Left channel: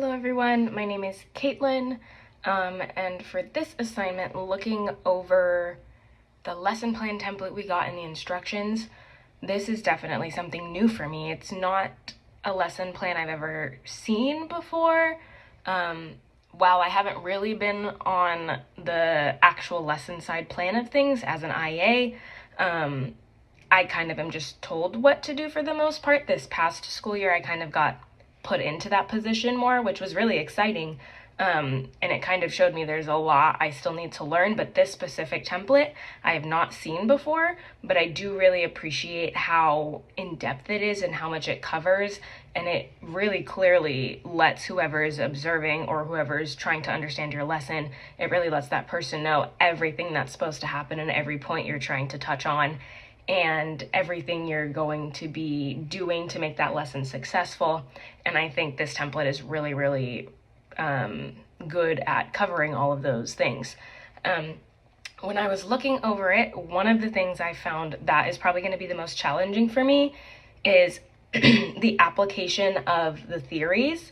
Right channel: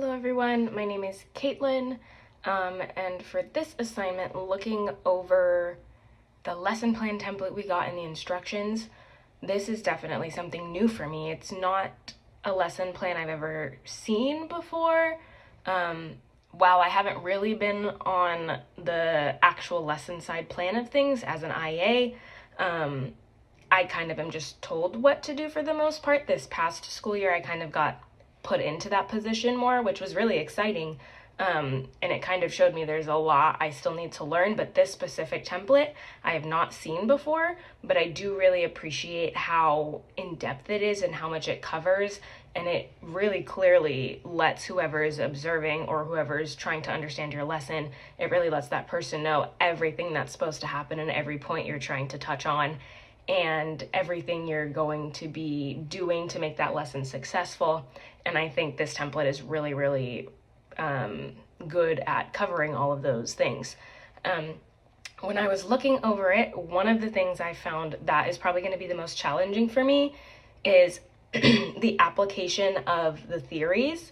Hello everyone, my name is Caitlin, and for this assignment, looking over the lesson plan template we got in the instructions, this is definitely something new for me. It's not a lesson plan I've ever seen before. While I haven't really been on the actual lesson side plan of things as an IA, I kind of am just told what to do for the most part. This past school year, I kind of got put into that position more, which was really exciting. And it kind of showed me there's a lot I still need to learn, but this specific template I have not seen before, but I do really appreciate how in-depth it is and how much it covers, and it really clearly lets whoever is observing or whoever is trying to understand your lesson, it really lets that person know everything that's supposed to happen and every point you're trying to touch on and everything you're going to be doing to make that lesson successful. And I think this template is really, really good at covering all of those things. When I was looking over it, one of the things I found that is probably going to be the most challenging for me is the application of the theories.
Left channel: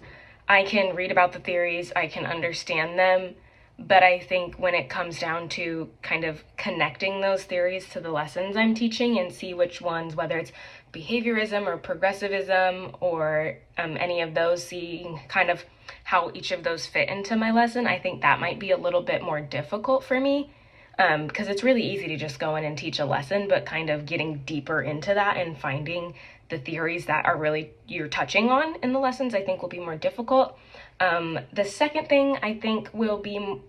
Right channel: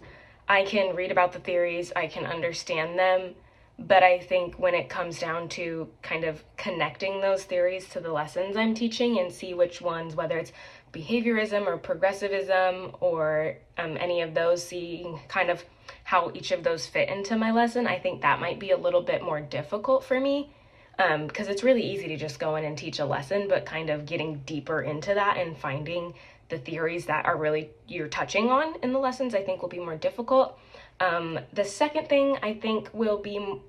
I can read about the theories, I can understand them, but I think when it comes down to kind of connecting those theories to the lessons I'm teaching and see which ones, whether it's behaviorism or progressivism or any of those, seeing kind of how each of those fit into my lesson, I think that might be a little bit more difficult for me, because it's really easy to just go in and teach a lesson, but kind of getting deeper into that and finding the theories that are really you're touching on in the lessons, I think will be more difficult. The second thing I think will be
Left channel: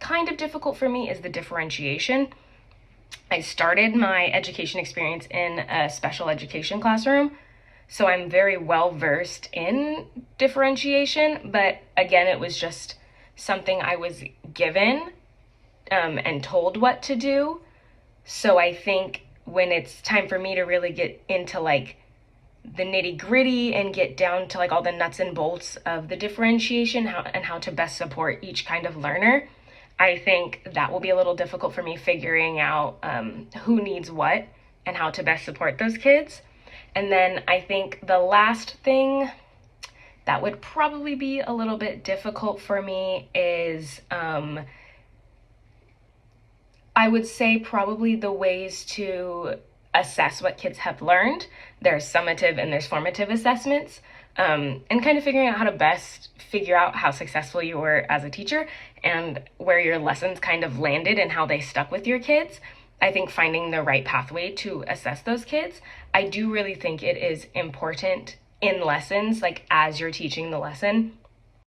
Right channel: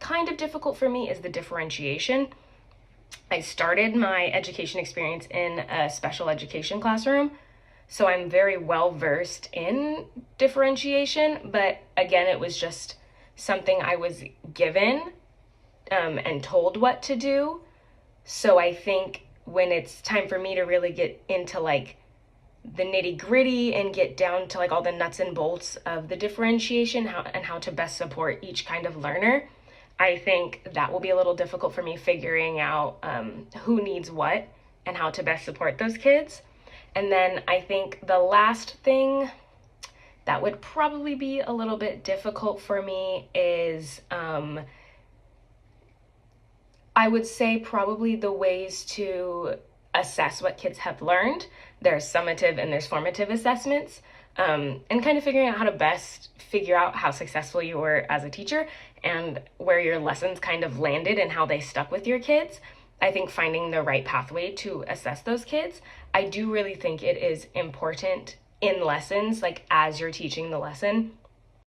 kind of difficult for me is the differentiation. I started my education experience in a special education classroom, so I'm very well versed in differentiation, but again, it was just something I was given and told what to do. So I think when it's time for me to really get into like the nitty gritty and get down to like all the nuts and bolts of the differentiation and how to best support each kind of learner, I think that will be a little difficult for me figuring out who needs what and how to best support those kids. And then I think the last thing that would probably be a little bit difficult for me is I would say probably the ways to assess what kids have learned. There's summative and there's formative assessments, and kind of figuring out how to best figure out how successful you were as a teacher and where your lessons kind of landed and how they stuck with your kids. I think finding the right pathway to assess those kids, I do really think it is important in lessons, like as you're teaching the lesson,